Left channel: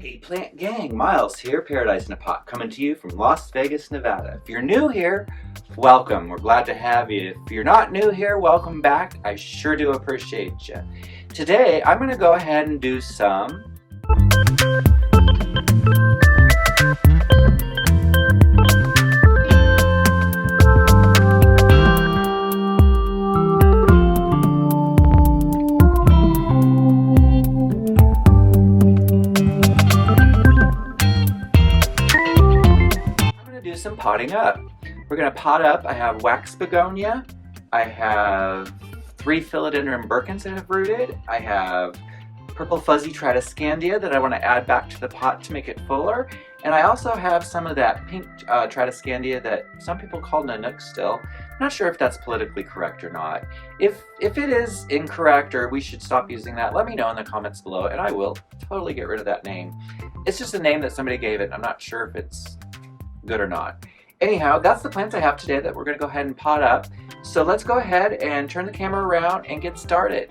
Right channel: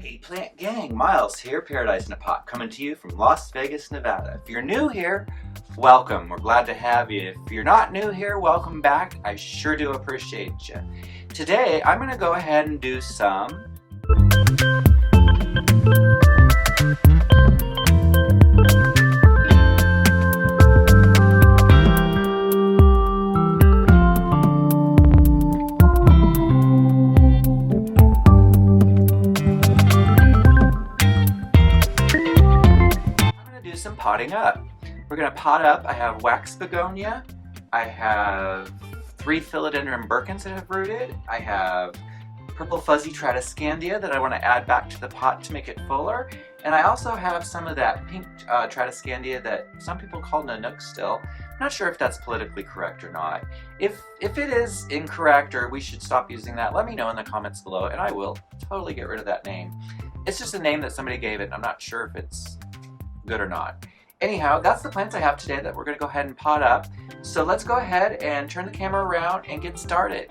Hey plant gang, Miles here, Paradise in a Pot, coming to you from Las Vegas, Nevada. If you're new here, welcome. We're glad to have you. If you're not new here, welcome back. I sure do appreciate you. Today, I'm going to go ahead and do some potting up. We're going to pot up. I have wax begonia. I have 3 philodendron Birkins that have rooted. I have purple fuzzy tradescandia that I want to add back to the pot to make it fuller. And I also have some of that pink tradescandia that some people call Nanook still. I'm not sure if that's politically correct or not. If it is incorrect or we should stop using that, let me know in the comments below and I will totally get rid of that name. It's just a name that somebody gave it and I'm not sure if it's good or not. Anyhow, that's the plants I have today that we're going to go ahead and pot up. So let's go ahead and turn the camera around and get started.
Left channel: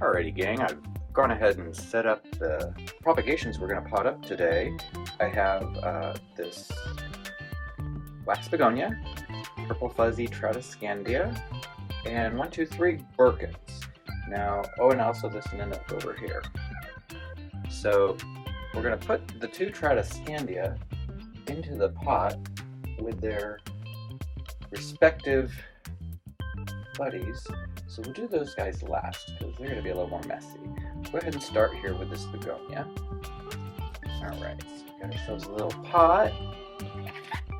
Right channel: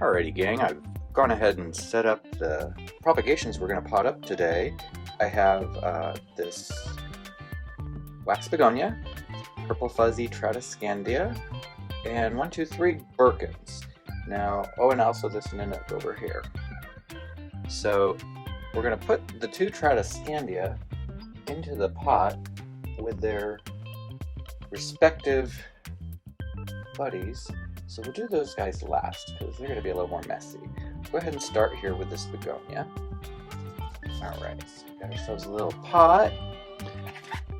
Alrighty gang, I've gone ahead and set up the propagations we're going to pot up today. I have this wax begonia, purple fuzzy tradescandia, and 1, 2, 3 Birkins. Now, and also this Nanook over here. So we're going to put the 2 tradescandia into the pot with their respective buddies. So we'll do those guys last because they're going to be a little more messy. Go ahead and start here with this begonia. Alright, so got ourselves a little pot.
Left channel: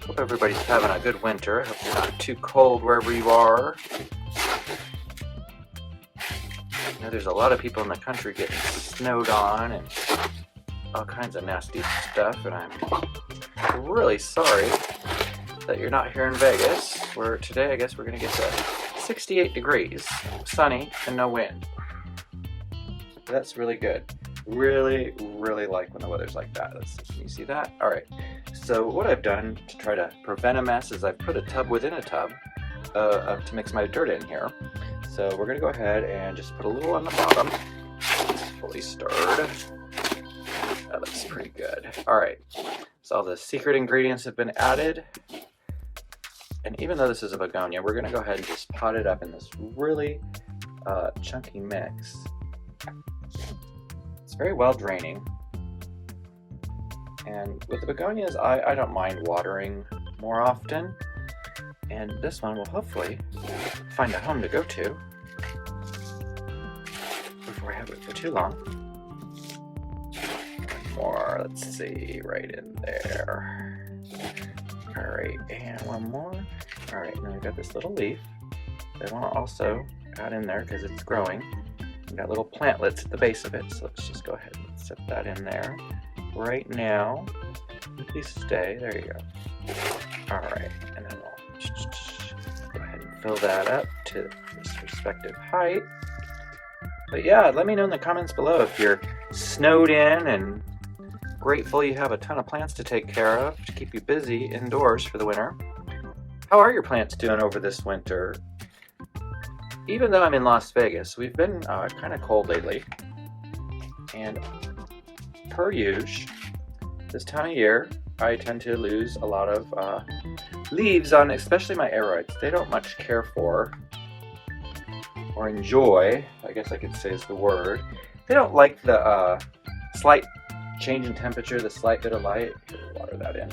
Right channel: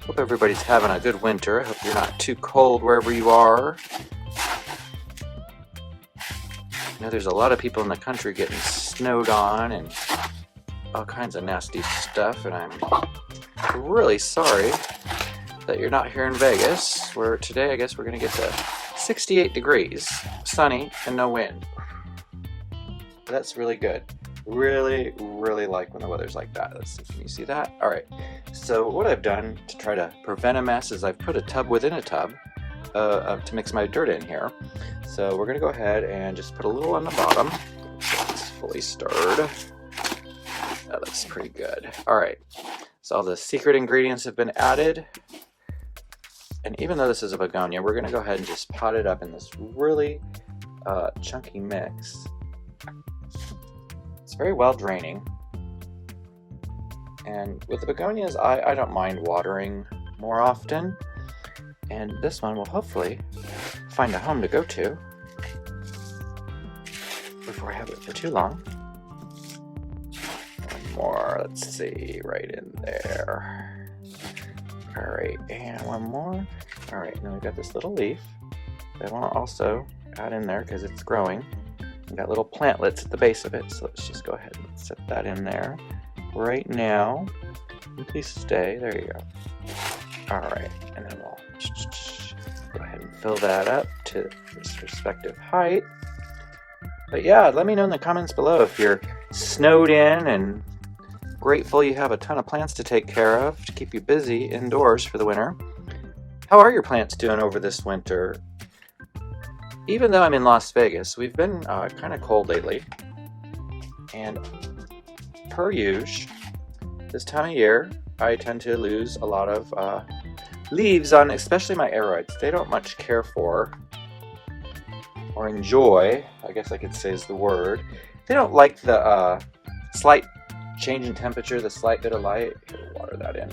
Hope everybody's having a good winter. Hope you're not too cold wherever you are. You know, there's a lot of people in the country getting snowed on and all kinds of nasty stuff, and I'm really sorry that you're not here in Vegas, where today I guess we're going to get to 68 degrees, sunny, and no wind. That's really good. Really, really like when the weather's like that. Can you see that? Alright, so what I've done to try to prevent a mess is I've put a tub within a tub to mix my dirt in here. So we're going to go ahead and just put a little on the bottom. It's fully stirred. That looks pretty good. Alright, so all the secret ingredients have been added. And even though this is a begonia, we're going to go ahead and just pot it up in this really chunky mix. It's very well draining. And with the begonias, I don't mind watering more often. And this one will hopefully find a home to go to before I have it for too long. More, let's see, right in there. Alright, and one more. Alright, and then we've got this little leaf that I want to also add in there because it's growing. We've got little plantlets at the base of it, so let's just go ahead and set that in there right now. Please stay. There you go. Alright, and then we'll go ahead and fill that up to its respective height. But yeah, let me know in the comments below if you're snowed in and grateful you have a ton of plants to take care of to keep you busy indoors for the winter. How are your plants doing over this winter? Even though I'm in Las Vegas, we've been kind of cold lately. And per usual, this time of year, I tend to lose a lot of leaves on especially my aroids. They don't much care for or enjoy, I guess I could say is the word. They don't like the slight change in temperature, the slight bit of light. Here, we'll water that in.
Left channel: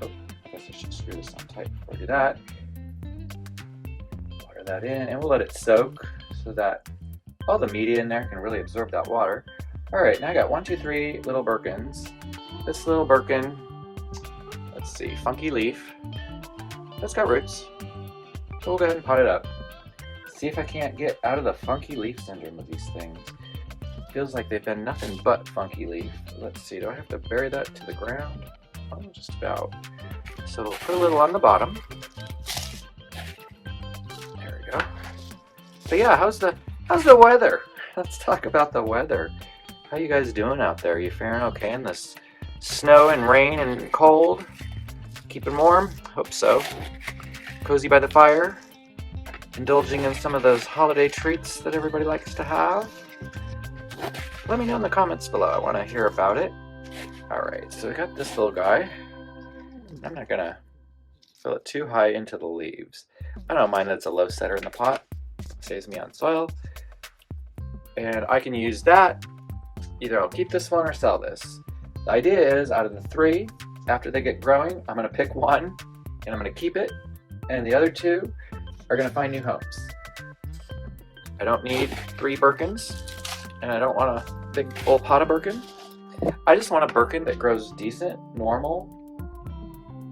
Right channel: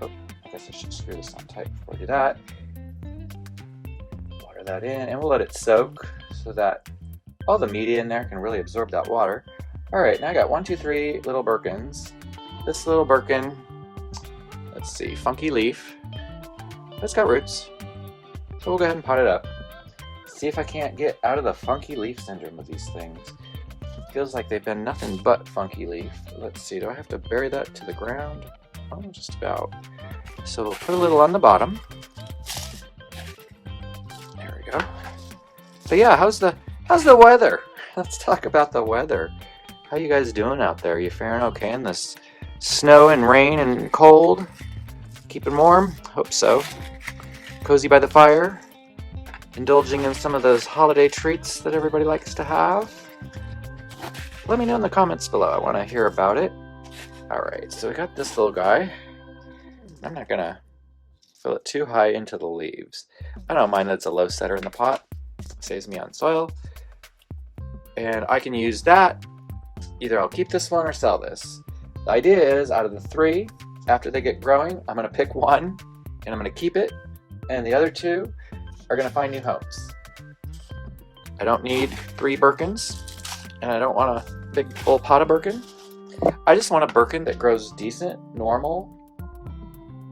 Oh, I guess I should screw this on tight before I do that. Water that in, and we'll let it soak so that all the media in there can really absorb that water. Alright, now I got 1, 2, 3 little Birkins. This little Birkin, let's see, funky leaf. It's got roots. So we'll go ahead and pot it up. See if I can't get out of the funky leaf syndrome with these things. Feels like they've been nothing but funky leaf. Let's see, do I have to bury that to the ground? Oh, just about. So we'll put a little on the bottom. There we go. But yeah, how's the weather? Let's talk about the weather. How you guys doing out there? Are you faring okay in this snow and rain and cold? Keeping warm? Hope so. Cozy by the fire? Indulging in some of those holiday treats that everybody likes to have? Let me know in the comments below. I want to hear about it. Alright, so I got this little guy. I'm not gonna fill it too high into the leaves. I don't mind that it's a low setter in the pot. It saves me on soil. And I can use that. Either I'll keep this one or sell this. The idea is, out of the 3, after they get growing, I'm gonna pick one and I'm gonna keep it, and the other 2 are gonna find new homes. I don't need 3 Birkins, and I don't want a big old pot of Birkin. I just want a Birkin that grows decent, normal,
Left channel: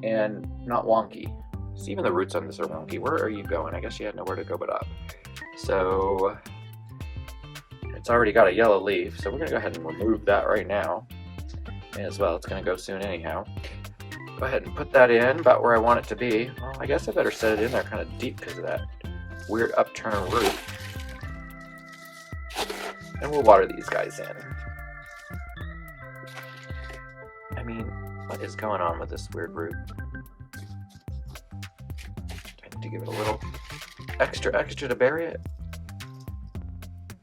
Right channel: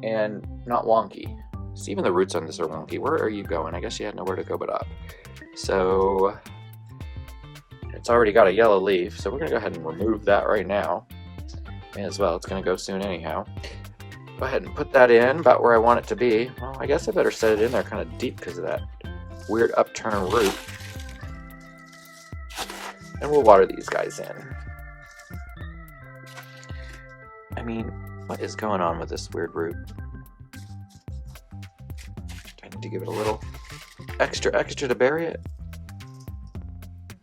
and not wonky. See, even the roots on this are wonky. Where are you going? I guess you had nowhere to go but up. So it's already got a yellow leaf, so we're gonna go ahead and remove that right now. May as well, it's gonna go soon anyhow. Go ahead and put that in about where I want it to be. Well, I guess I better set it in there kind of deep because of that weird upturn root. And we'll water these guys in. I mean, what is going on with this weird root? I need to give it a little extra to bury it.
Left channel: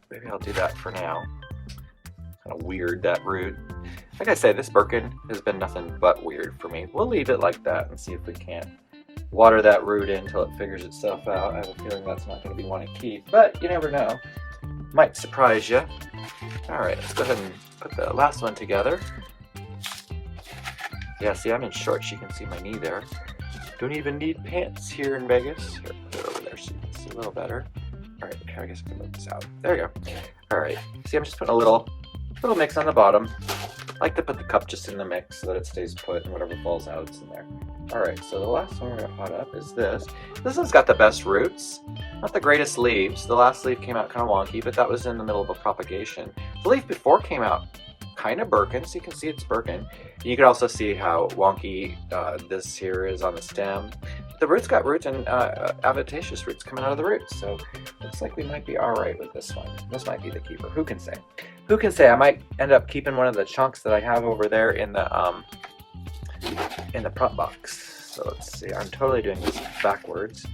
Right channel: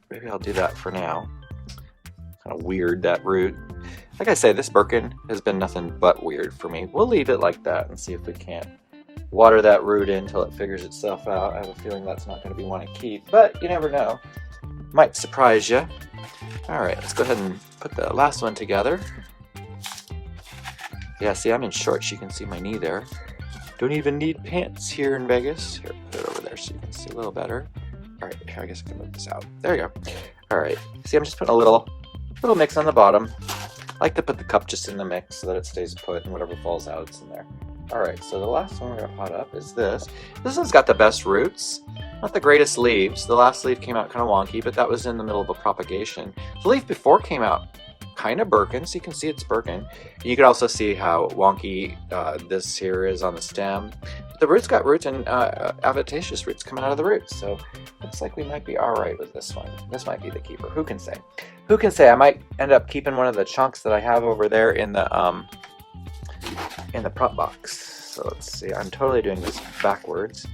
Maybe I'll do that for now. Kind of weird, that root. Like I say, this Birkin has been nothing but weird for me. We'll leave it like that and see if we can't water that root in until it figures itself out. I have a feeling that's not going to be one to keep, but you never know. Might surprise you. Alright, let's go ahead and put the last one together. Yeah, see, I'm in shorts. You can see my knee there. Don't even need pants here in Vegas. Here, put it over there so you can see a little better. Alright, here, I guess I can move this out. There you go. Alright, see, I'm just putting a little mix on the bottom. I like to put the cup just in the mix so that it stays put and whatever falls out, it's in there. Alright, so the last one we're going to pot up is this. This one's got the best roots. Not the greatest leaves. The last leaf came out kind of wonky, but that was in the middle of a propagation. The leaf before came out kind of Birkin, so you can see it's Birkin. You can also see how wonky this here is on the stem. The roots got roots and adventitious roots coming out of the roots, so looks like we might be alright with this one. This might be the keeper. Who can say? Who can say? I might end up keeping one of the chunks that I have over there in the prop box. So let's see. I'm totally doing this backwards,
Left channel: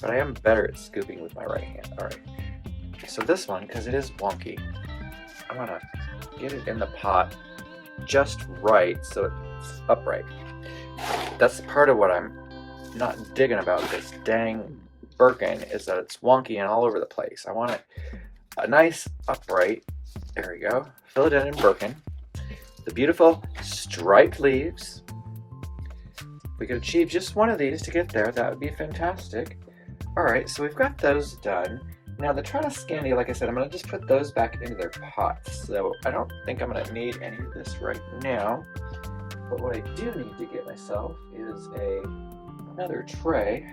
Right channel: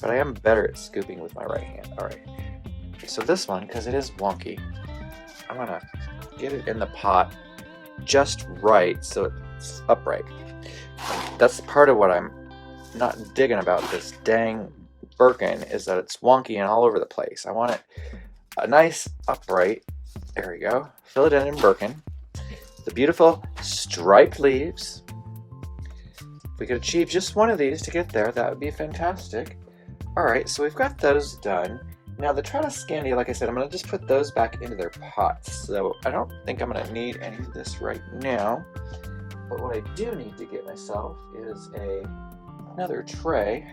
but I am better at scooping with my right hand. Alright. So this one, because it is wonky, I'm gonna get it in the pot just right so it's upright. That's part of what I'm not digging about this dang Birkin, is that it's wonky and all over the place. I want it a nice upright. There we go. Fill it in Birkin. The beautiful striped leaves. If we could achieve just one of these to get there, that would be fantastic. Alright, so we've got those done. Now the Tradescandia, like I said, I'm going to just put those back into their pots. So I don't think I'm going to need any of this right now. But what I do need to get myself is another tray.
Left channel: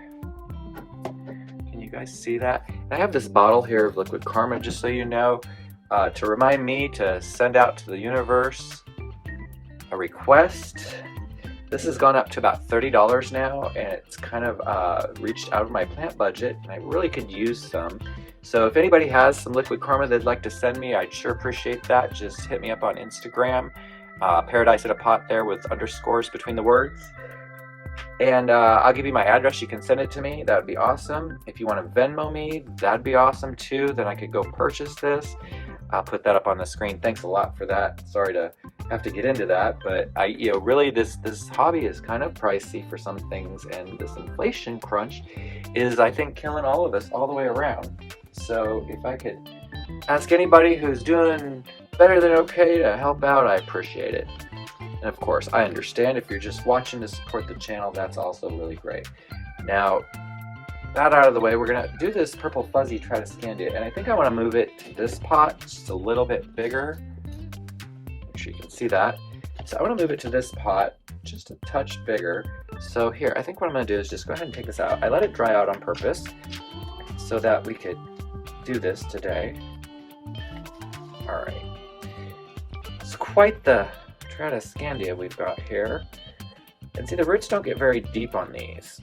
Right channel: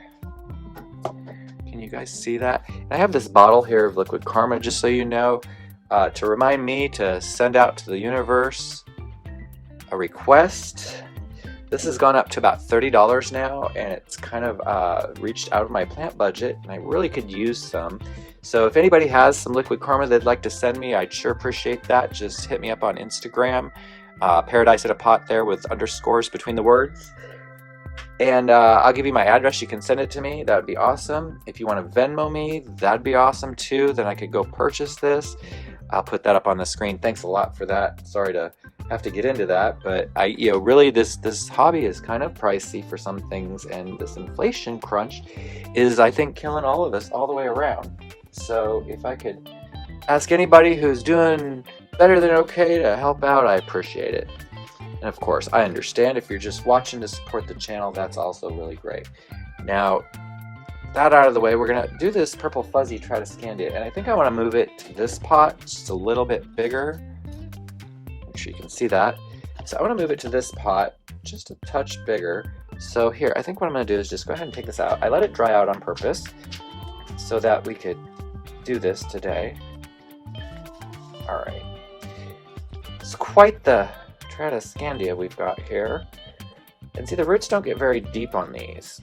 Can you guys see that? I have this bottle here of liquid karma, just so you know, to remind me to send out to the universe a request. This has gone up to about $30 now, and it's kind of reached out of my plant budget, and I really could use some. So if anybody has some liquid karma they'd like to send me, I'd sure appreciate that. Just hit me up on Instagram, Paradise in a Pot there with underscores between the words. And I'll give you my address. You can send it to me. That would be awesome. If you want to Venmo me, that'd be awesome too. Then I could go purchase this. I'll put that up on the screen. Thanks a lot for that. Sorry to have to get into that, but really this hobby is kind of pricey for some things, and this inflation crunch is, I think, killing all of us all the way around. So if I could ask anybody who's doing better than okay to help out, I appreciate it. And of course, I understand if you're just watching to support the channel, that's also really great. Now, that out of the way, we're going to do this purple fuzzy Tradescandia, and I think I want to move it to this pot just a little bit bigger. Make sure you can see that. So I want to move it to this pot just a touch bigger. So here, I think what I'm going to do is just go ahead and take this out. I let it dry out on purpose so that we could do this today. All right. It's quite the Tradescandia we've got here. And see, the roots don't get very deep on these.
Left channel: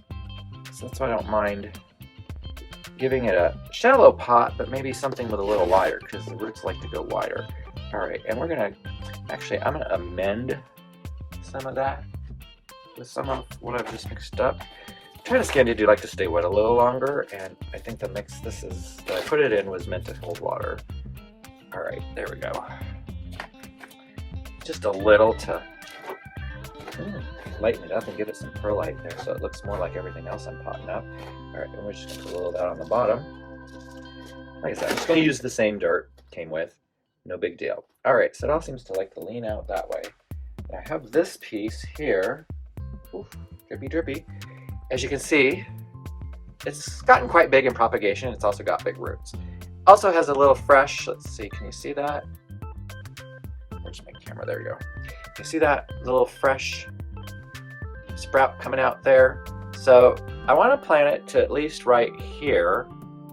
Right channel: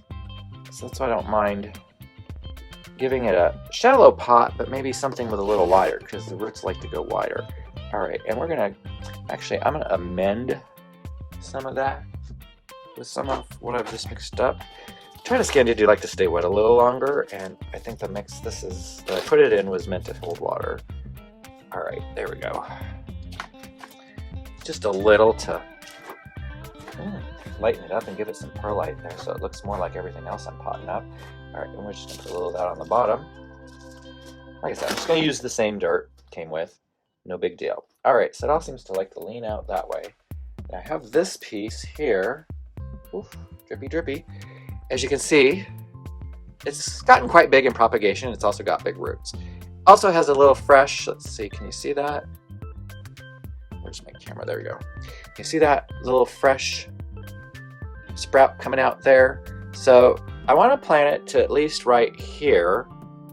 So that's why I don't mind giving it a shallow pot, but maybe something with a little wider, because the roots like to go wider. All right, and we're gonna, actually, I'm gonna amend some of that with some of what I've just mixed up. Tradescandia do like to stay wet a little longer, and I think the mix that I put it in was meant to hold water. All right, there we go. Just a little to Lighten it up and give it some perlite there so it looks more like everything else I'm potting up. Alright, and we're just going to put a little of that on the bottom. Like I said, I'm just going to use the same dirt it came with. No big deal. Alright, so it all seems to like to lean out that way. And I have this piece here. Oof, drippy, drippy. As you can see, it's gotten quite big in propagation. It's also got big roots. Also has a little fresh, let's see, can you see that? Where's my camera? There we go. Can you see that little fresh sprout coming out there? So I want to plant it to at least right here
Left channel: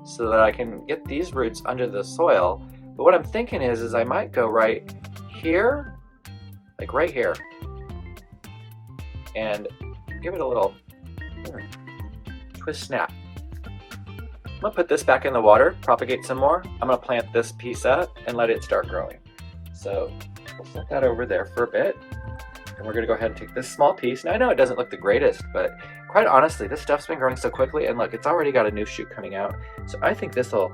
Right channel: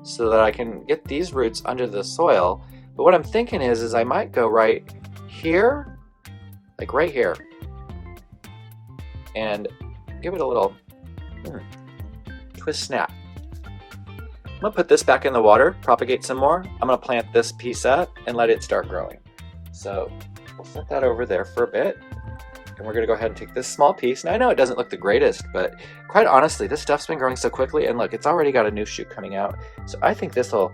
so that I can get these roots under the soil. But what I'm thinking is I might go right here, like right here, and give it a little twist snap. I'm gonna put this back in the water, propagate some more. I'm gonna plant this piece up and let it start growing. So we'll set that over there for a bit. And we're gonna go ahead and take this small piece. Now I know it doesn't look the greatest, but quite honestly, this stuff's been growing so quickly, and look, it's already got a new shoot coming out. So I think this will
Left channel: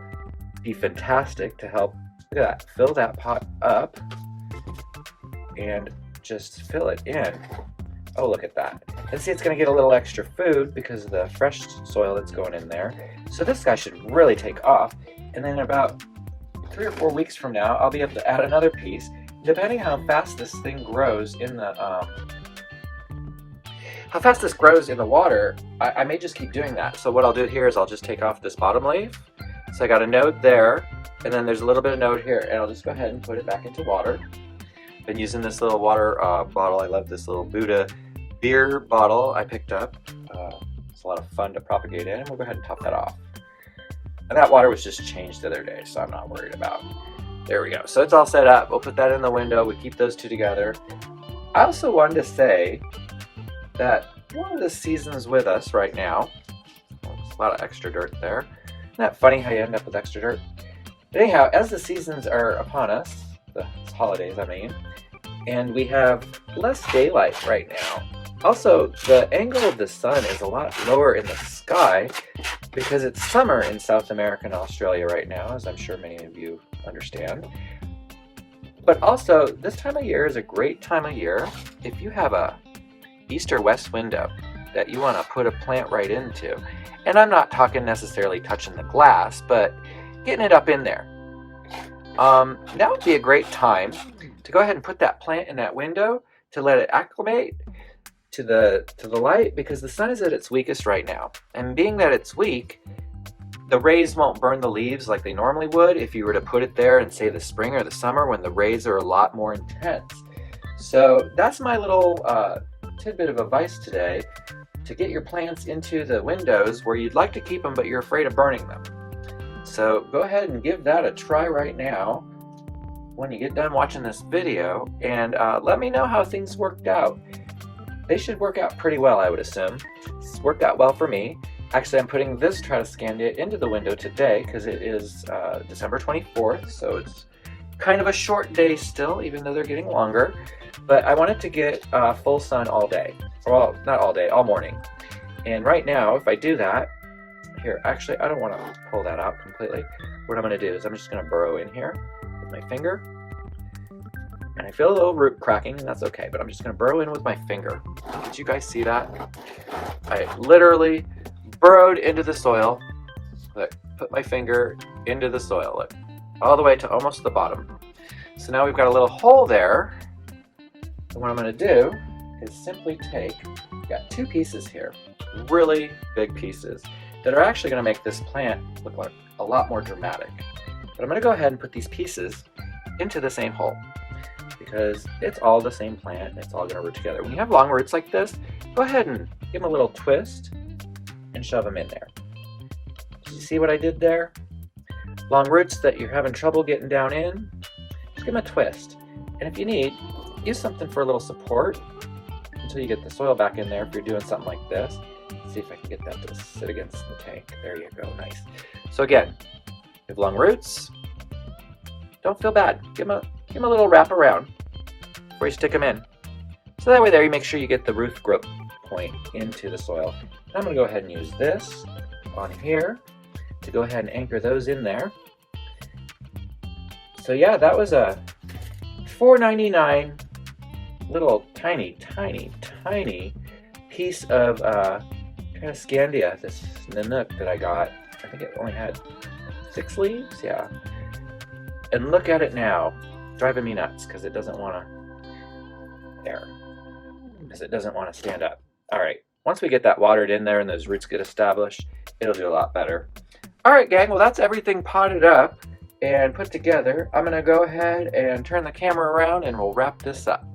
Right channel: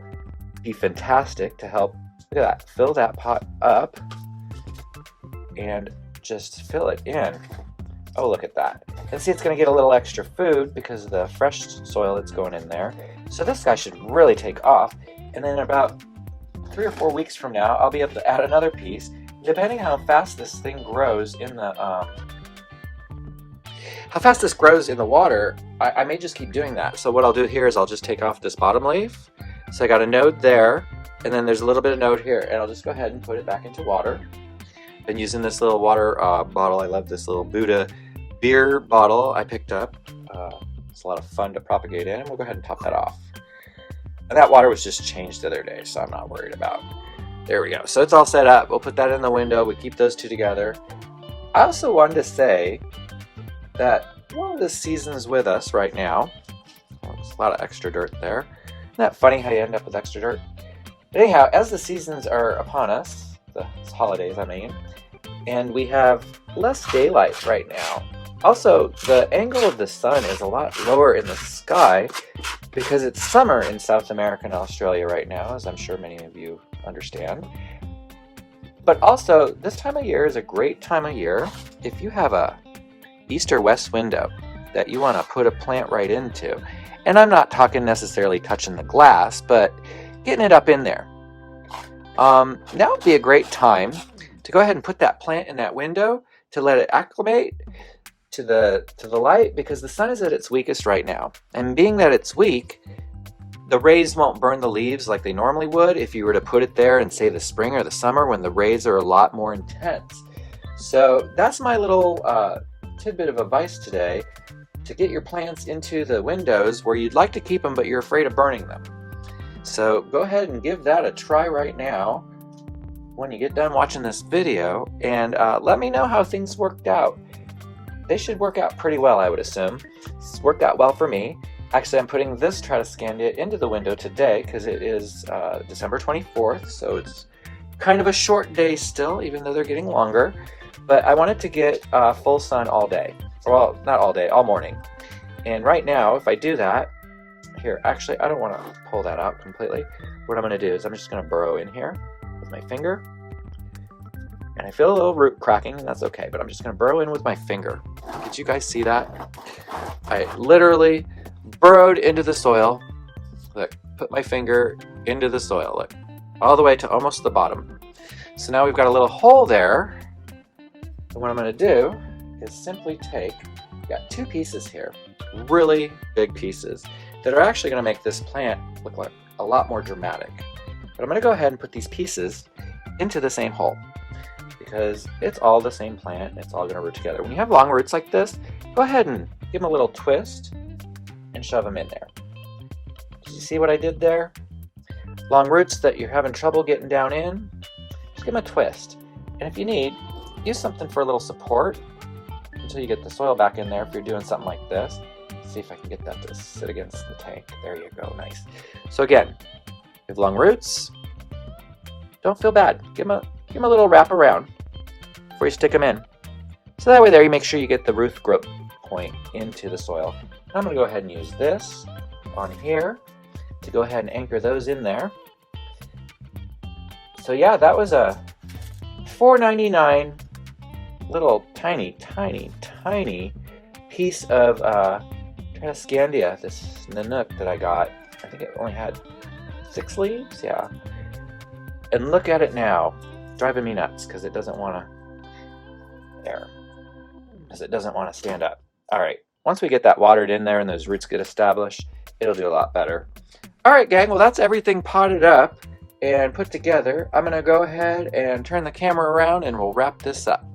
be fantastic to help, look at that, fill that pot up and just fill it in. Oh, look at that. And see, it's gonna get a little extra food because of the fresh soil that's going in there. So this guy should really take off. And then about 3 or 4 weeks from now, I'll be able to add another piece. Depending how fast this thing grows in the water, I may just keep doing that. So what I'll do here is I'll just take off this bottom leaf. So I got a node there, and then there's a little bit of node here, and I'll just go ahead and put it back into water. Been using this little water bottle. I love this little Buddha beer bottle I picked up. It's a lot of fun to propagate in, and we'll go ahead and top that off. And that water was just changed the other day, so I'm not worried about. There we go. So it's all set up. We'll put that in the window. We keep those two together. I also wanted to say that one of the seasons with us right now, there's a lot of extra dirt there. Isn't that funny how you end up with extra dirt? Anyhow, as the seasons are upon us, the holidays I mean, and we have less daylight right now. Also, the angle of the sun is a lot lower in the sky because it's summer in South America and Australia right now, as I'm sure many of you understand. But also, this time of year is a great time of year if you have a east or west window that you want to put a plant right into. And I'm not talking necessarily touching the glass, but getting it up in there. That would be a great time to go ahead and put that plant in that window to let it acclimate to the light, because the sun is at its weakest right now. And being that it's weak, the rays won't burn the leaves like they normally would if you were to put it there in, say, the spring or the summer when the rays are a lot more intense. So that's my little tidbit of advice today, to get your plants into the windows where you'd like to keep them but you're afraid of burning them. So go ahead and give that a try right now when you get done watching this video, and let me know how things worked out. They should work out pretty well, I would assume. It's worked out well for me. Actually, I'm putting this Tradescandia into the window today because it is December 24th, so it's kind of a short day still, even though they're getting longer. But I wanted to get full sun all day. Well, not all day, all morning. And right now, if I do that, here, actually, I don't want to pull that out completely. What I'm going to do is I'm just going to burrow in here with my finger. And I feel a little root cracking, and that's okay, but I'm just going to burrow in with my finger. Did you guys see that? I literally burrowed into the soil. Look, put my finger into the soil, look, all the way to almost the bottom. So now we've got a little hole there. And what I'm going to do is simply take, I've got 2 pieces here, really big pieces, that are actually going to make this plant look like a lot more dramatic. But I'm going to go ahead and put these pieces into the same hole, because it's all the same plant and it's all going to root together. When you have long roots like this, go ahead and give them a little twist and shove them in there. Did you see what I did there? Long roots that you're having trouble getting down in, just give them a twist. And if you need, use something for a little support until you get the soil back in there if you're doing something like this. Let's see if I can get that to sit against the tank. There you go, nice. So again, with long roots, don't feel bad. Give them a little wrap around before you stick them in. So that way there you make sure you get the root growth point into the soil. I'm going to go ahead and use this on here to go ahead and anchor those in there. So yeah, that was a $4.99 little tiny piece of Tradescandia, this Nanook that I got. I think it only had 6 leaves, yeah. And look at it now, driving me nuts because it doesn't want to, because it doesn't want to stand up. All right, once we get that watered in there and those roots get established, it'll do a lot better. All right, gang, well, that's everything potted up and put together. I'm gonna go ahead and turn the camera around and we'll wrap this up.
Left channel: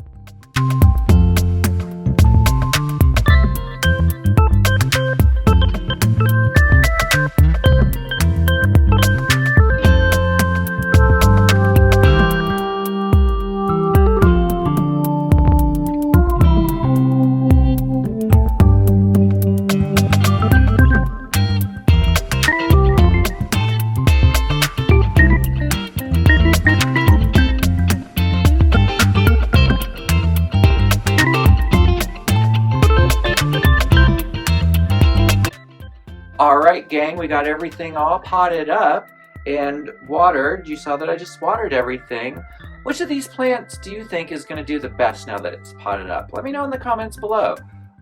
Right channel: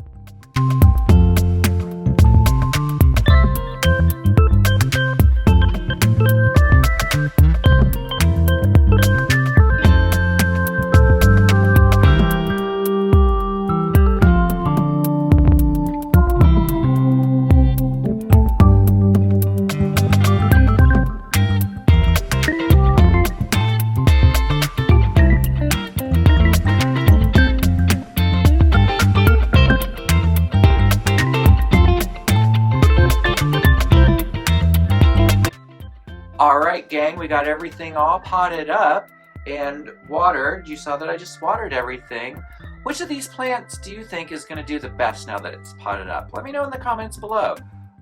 Alright gang, we got everything all potted up and watered. You saw that I just watered everything. Which of these plants do you think is going to do the best now that it's potted up? Let me know in the comments below.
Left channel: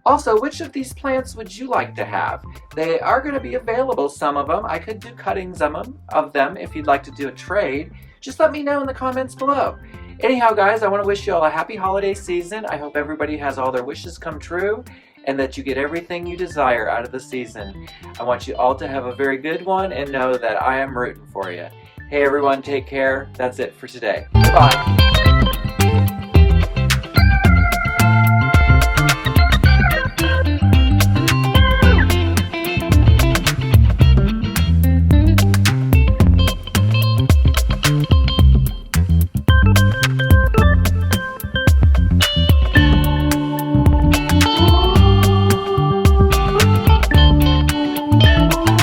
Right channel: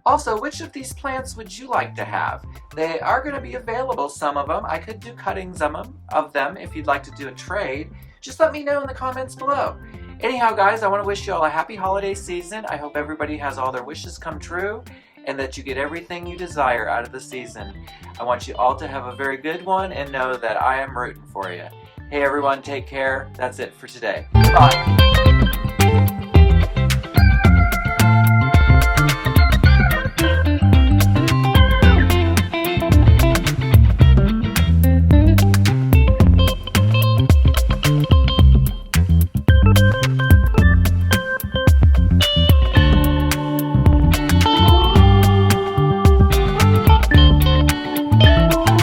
Also, which of these plants would you like to have? They are going to be available, some of them. I could do cuttings of them if you'd like to do a trade. Just let me know in the comments below. Anyhow guys, I want to wish you all a happy holiday season. I hope everybody has all their wishes come true and that you get everything you desire out of the season. I want you all to have a very good one and know that I am rooting for you. Hey everyone, take care. That's it for today. Bye.